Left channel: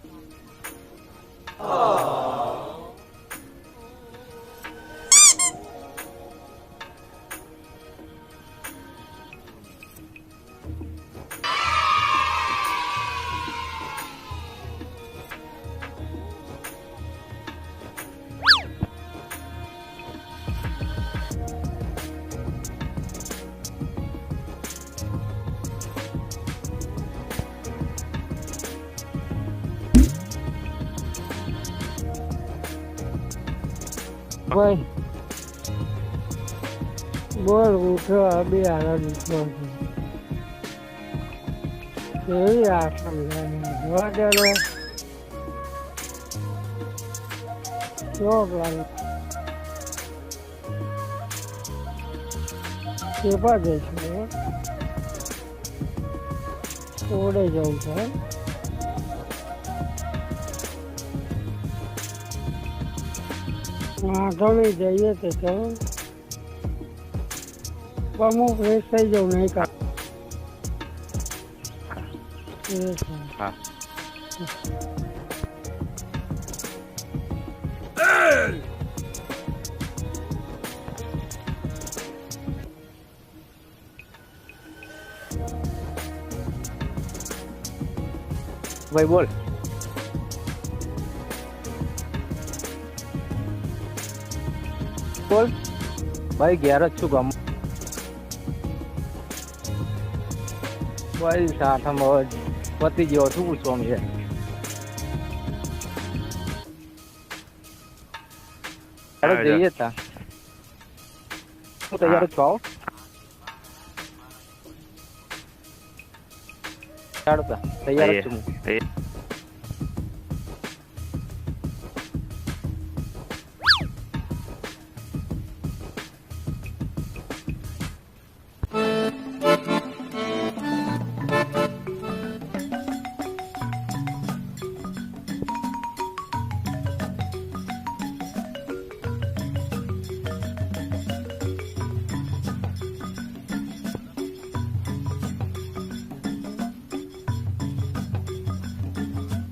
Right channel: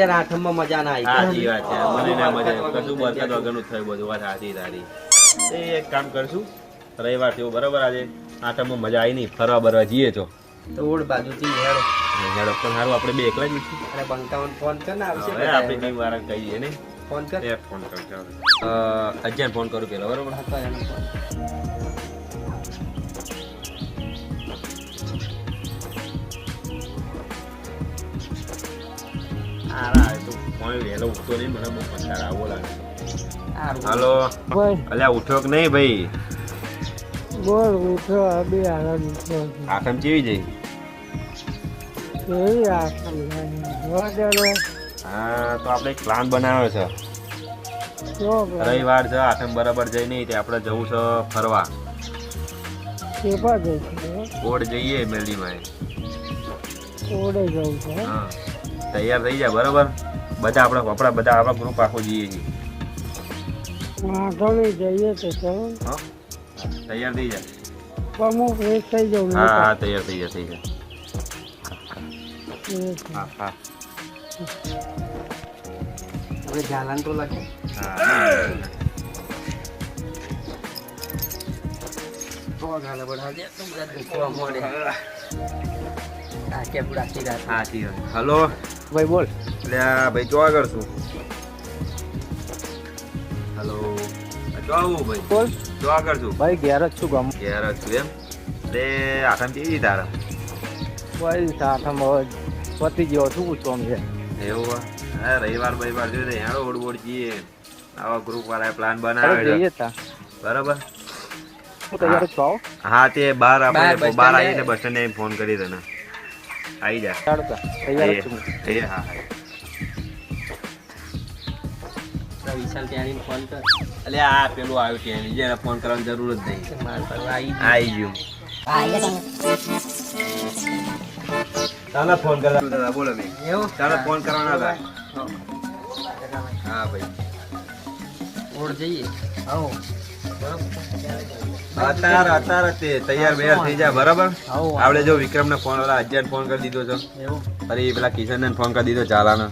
આઠમમાં મજા ના આવી. સાચી વાત છે. મને ના મજા આવે. કશું બરકત વગરનું થયું બધું. વાત સાચી તારી. એક કામ કરશું, રવિવાર થયો બરાબર, આજે આઠમમાં મજા આવી નહીં, ફરવા બરવા જઈએ તો ઓડ બાજુથી હેડો. હેડો પણ હારું આપણે બે એકલા જ નથી. અને બંકાવન ફોન કર ને આવશે. હવે આપણે કઈ વાર કહીએ ને. ફોન કર. ફોન કરજો. અજ્જાને ફોન કરું પેલા બરોબર. હાલો અલ્યા ઉઠ્યો કે નહીં ભાઈ? બોલ ઉઠ્યો અબે આનંદ ઉઠ્યો આઠમ કેવી જઈ? કેવી આખમ જોવા દે હા તો આપણે એક પ્લાન બનાવ્યો છે. કેવો પ્લાન? રવિવાર છે, આઠમ બરાબર જઈ નહીં તે આપણે જવું છે ફરવા. કેપા જઈશું? ઓડ જઈએ મેલડીમાં. ઓડે જવું છે. હા તૈયાર થઈ જાય બરાબર. બધા આપણા કપડા બધા આપણા ગ્રુપ આખો જઈએ છીએ. વાંધો નહીં જઈએ તો ચલો. તૈયાર થઈ જાય. પણ હું ફ્રેશ થઈ જાઉં. હા તૈયાર થઈ જાય થઈ જાય. હા આપણે જાલાન તો લખે. હલો ભાઈ બોલ. એટલે ભાઈ જો આગળ છું. હલો જો આવું ભાઈ. બોલ જો આગળ છું. ભાઈ ઘેર જ છું ગમ. ઘેર જ છું એમ. એટલે આઠમ કેવી તારા? ભાઈ સાઠમ પતી ગયો શું પૂછવા અમે એવું હા રવિવાર જોઈએ હેડો ઓડ જઈએ. આવા ગ્રુપ વાળા પ્લાન જઈએ બનાવે તા બરાબર. હું તૈયાર જ છું. હા તે બહાર આપણે બસ બહાર સ્ટેન્ડ આવીને બસ સ્ટેન્ડે ફોન કરી તને આવી જા. ચાલતા તૈયાર જ છું. હા વિશાલ ત્યાંની ફોન કર. એટલે આ પેલું આવ્યું છે જેને ફોન કરવાની જરૂર જ નહીં. મારા પર આવી આવી ગયું. ચાલો ફોન કરવા બોલો ભાઈ. એવું ચાલો ફોન કરવાના હતા. હા ભાઈ ઓડ જઈએ. અત્યારે તે તૈયાર બેયાર થઈ જાય બરાબર. આવો. આપણે જો વિક્રમને ફોન અજ્જાને ફોન કરી દીધો છે. એવું અરે પેલા કિશનને ફોન કરી દીધો ચાલાનો.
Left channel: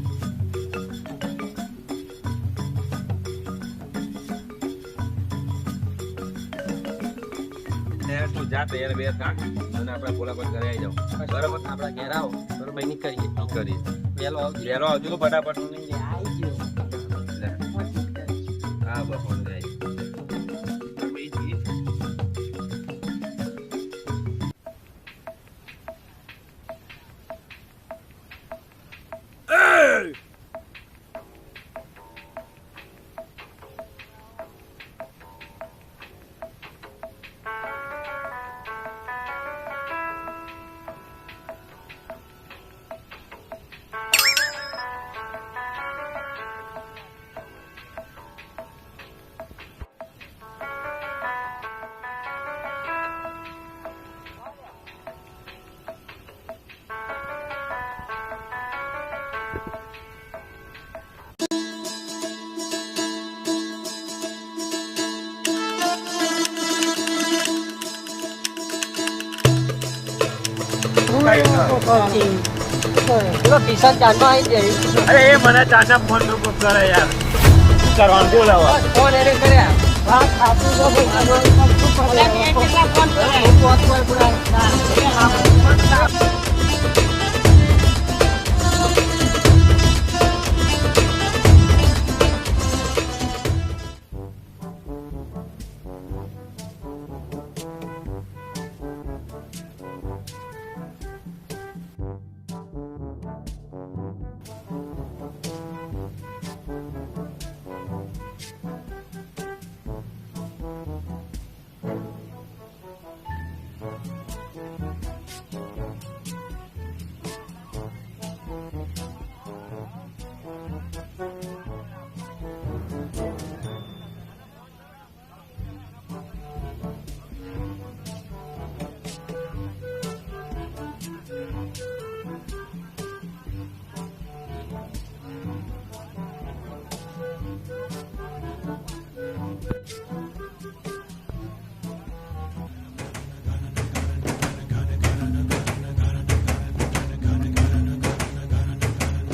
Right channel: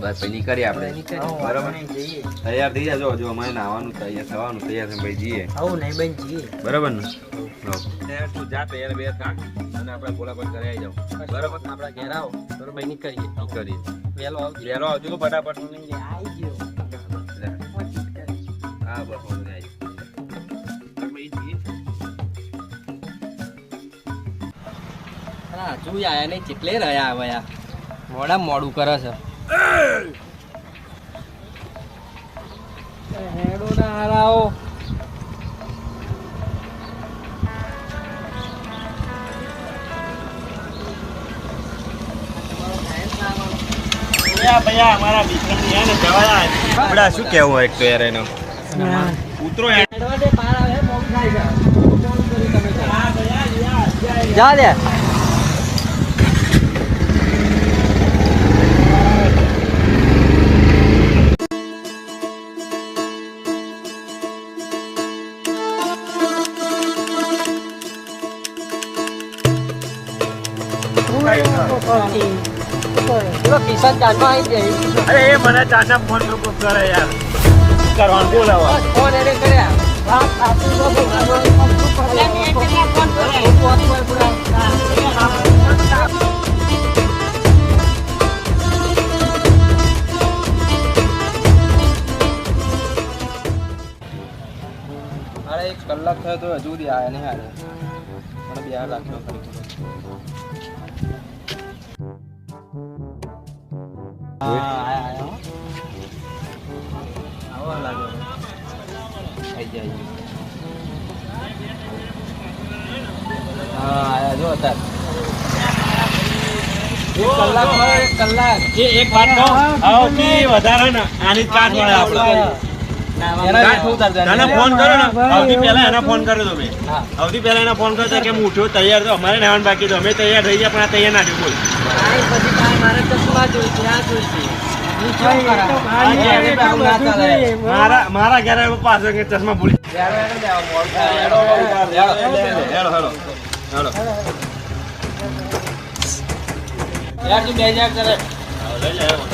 બસ પછી નીકળીએ આપણે બરાબર. જઈએ. તૈયાર થઈ જાય. જો અમારે નાવાનું તૈયાર થવાનું તૈયાર છે ભાઈ જઈએ આવું નહીં બેન જઈએ. બરાબર ને. તું જા તૈયાર બે કાઢ અને આપણે બોલા પર ઘરે આવી જાવ બરાબર. આપણા ઘેર આવો બરોબર નીકળીએ. કરીએ વહેલો આવજો. વહેલો આવજો ફટાફટ. આવી ગયો. હા બસ ફોન આવી હજુ આયા નહીં કેટલે રહ્યા હવે આ મોડા મોડું કરે છે. હેડો ના હારાઓ. શું કેવું હોય તો યાર એનો ઉતરો જા દે. કિશન ચાંદમાં આવી જાય. અરે એ મને ચાચા ફોન કરે યાર કરવાનું બોલાવા. ફોન એને કર્યા. વાત સાચું તો અરે 1 કલાક થયો તો હજુ સુધી આયા નહીં. મને ધ્યાન રાખજો. એક વાત કહું સૌથી વધારે ને આની જ કાઠ મળે આપણે. ફોન કરો ને સૌથી પહેલા એને ફોન કર્યો તમે. સૌથી પહેલા એને ફોન કર્યો કે હું ઉઠ્યો તૈયાર તો અમારે નહેવાનું બાકી તો અમે તૈયાર થઈ ગયા પણ આ તૈયાર ના થયું બોલ. મારા ઘરે પાછો ચશ્મા ભૂલી ચાલો.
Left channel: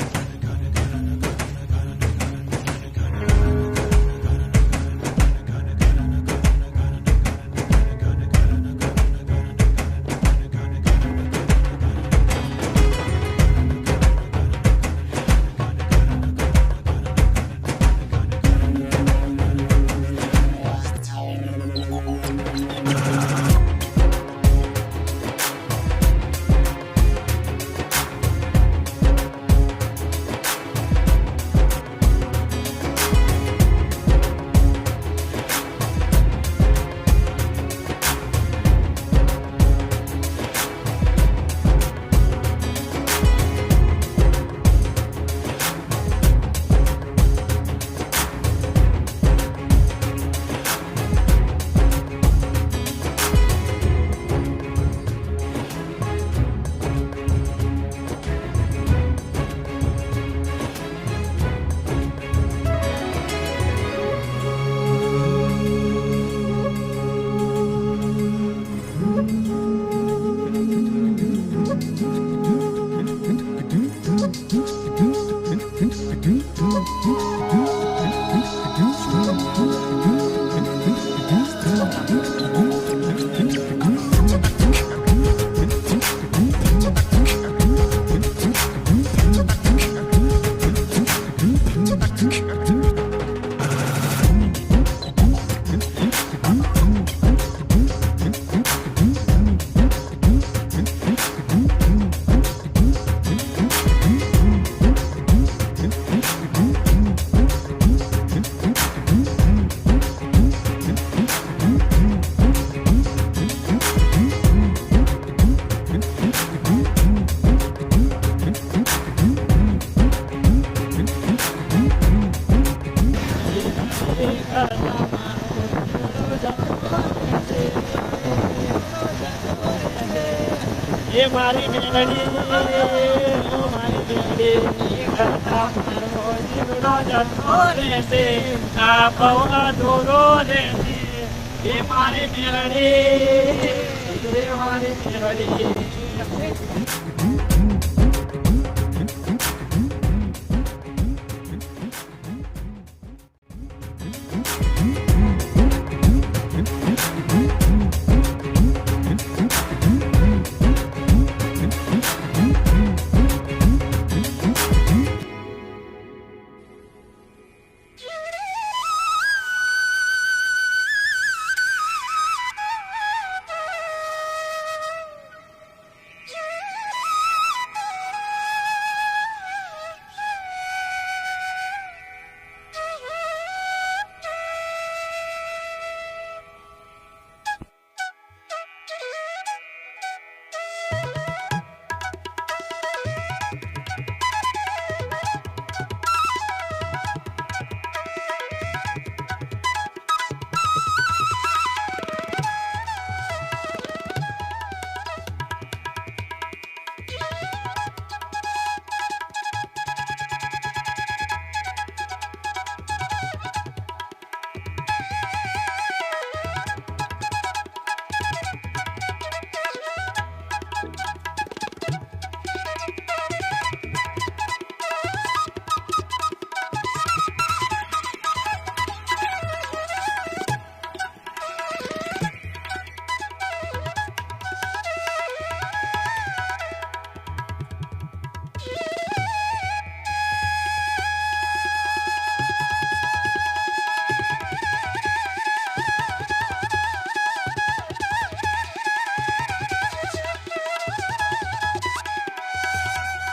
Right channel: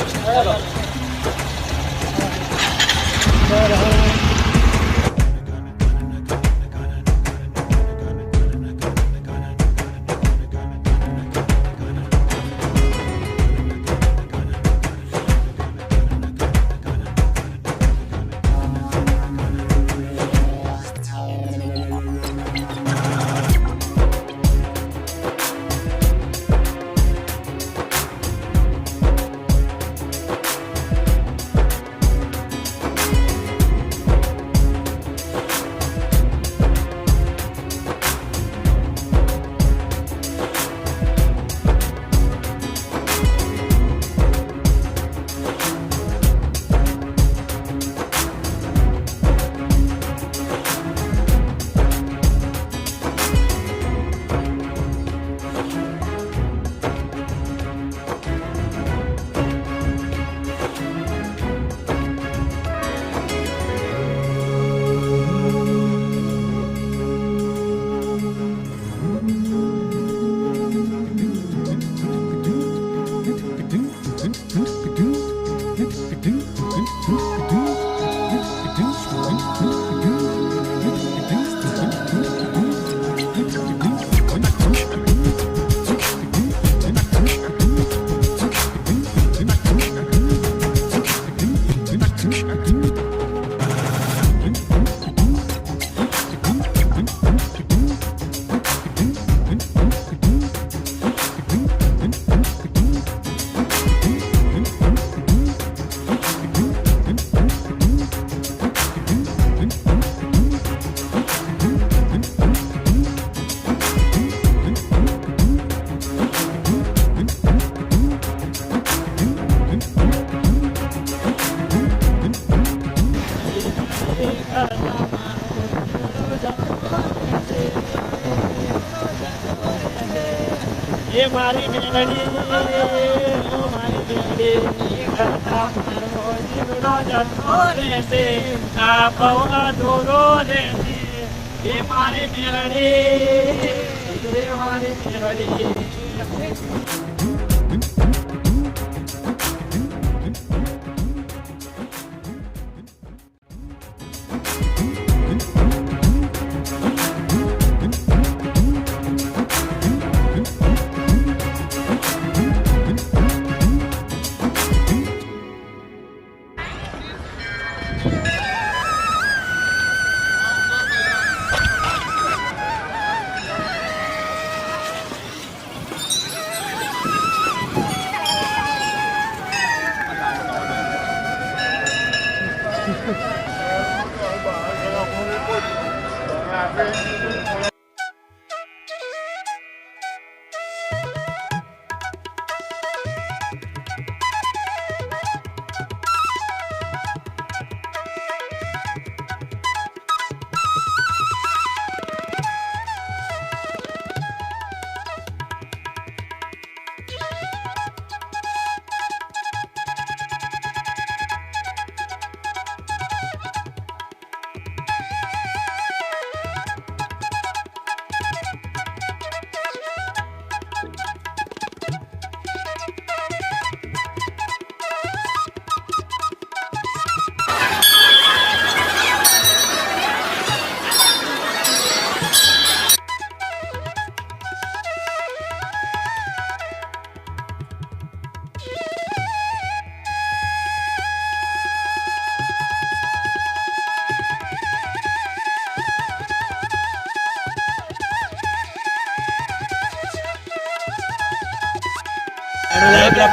ये मारी मेलड़ी मारी मेलड़ी करता मारो जीवनो जन्मो रहते आपवा दूरो रहते ये मारी मेलड़ी ये मारी मेलड़ी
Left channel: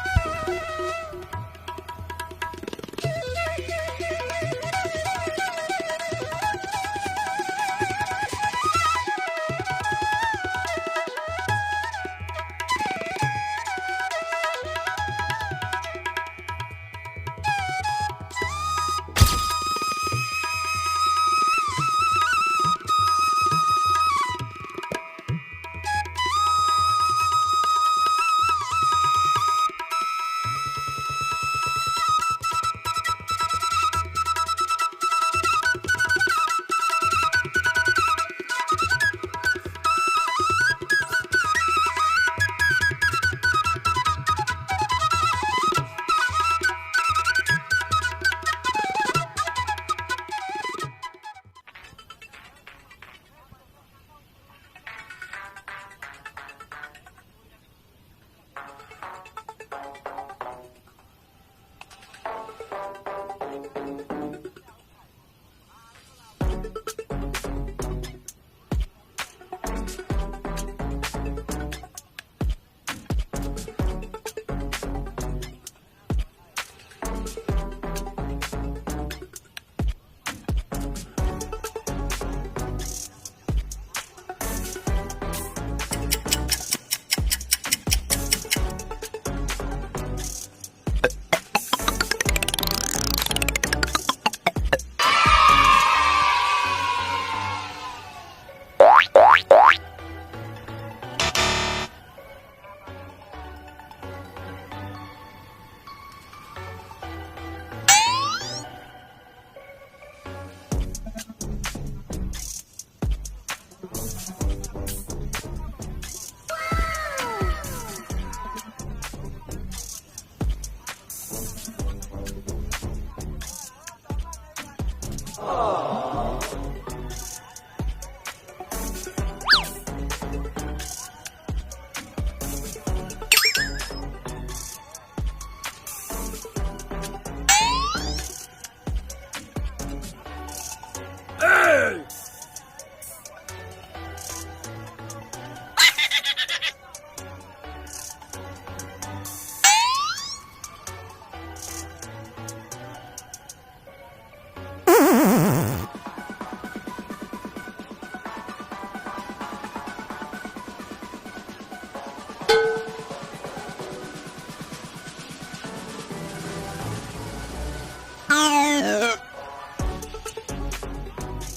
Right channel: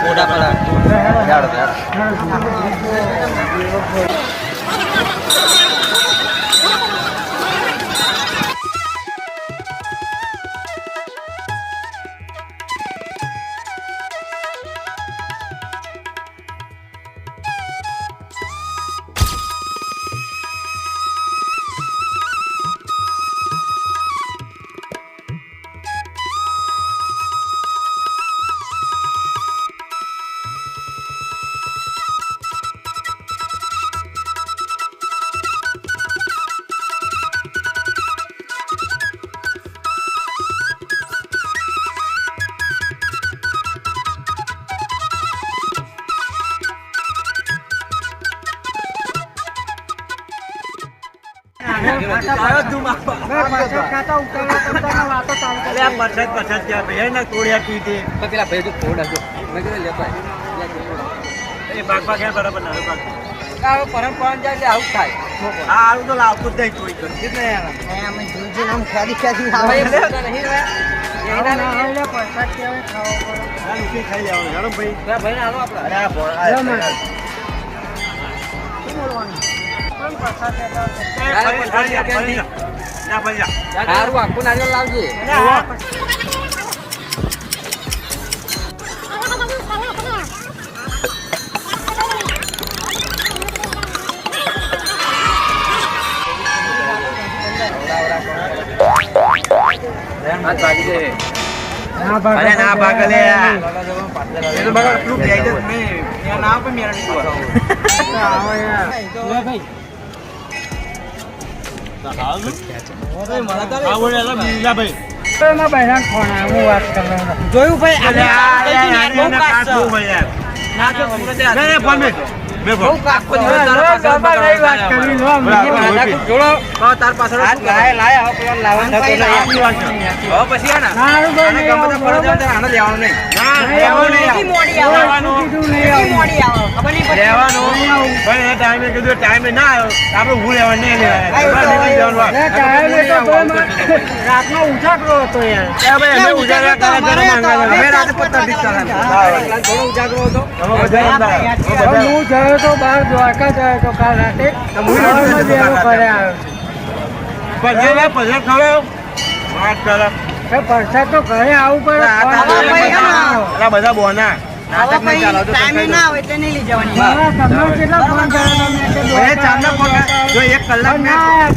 ફોટા પડા યાર યાર પેલા ભાઈ તો ફોડ હતો મેં કીધું લેતો પરંપરા જાય એટલે આવું થાય ભાઈ આનો આપડા સારું આખું નારિયેળ લાવજે ના ભાગલે ટાઈમે ના આવ્યો આપડે હું લેવા નહીં રાતનો ઉજાગરો હતો યાર હું ગયો તો બહાર દ્વારકા ગયો તો કાલ રાતે ઘરે આવ્યો પરસાદ તો ઘરે આવવું પડે બધા બોના નાટક નહીં ચાલો તો જો 1 કલાક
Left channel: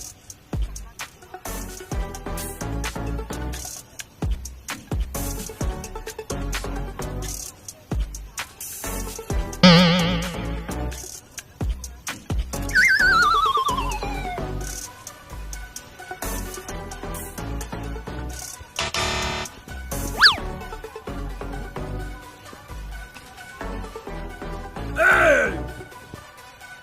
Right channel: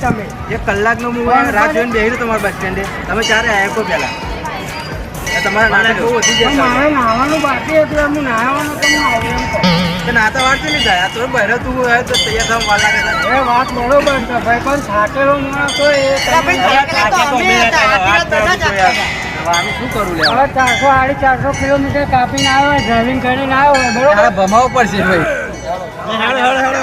તમે 1 કલાકનો હું રાહ જોઈને બેહી તમારા બસ સ્ટેન્ડે તમે ચારે આવ્યા કો પેલા તમારા નાટક બહુ વધી જાય મારે નાવાનું બાકી હતું હું નાવાનું તો નાતા વાર નહીં જાય તો બહેરો તું તો તૈયાર થવા વાર લાગે એ વાત બરોબર છે ભાઈ પણ થાકેલો માણસ હોય એ શું કરું લે હવે 400-450 કિલોમીટર કાપીને આવ્યો ડ્રાઇવિંગ કરીને આવ્યો બરોબર ભમાવો પડશે ભાઈ હેડો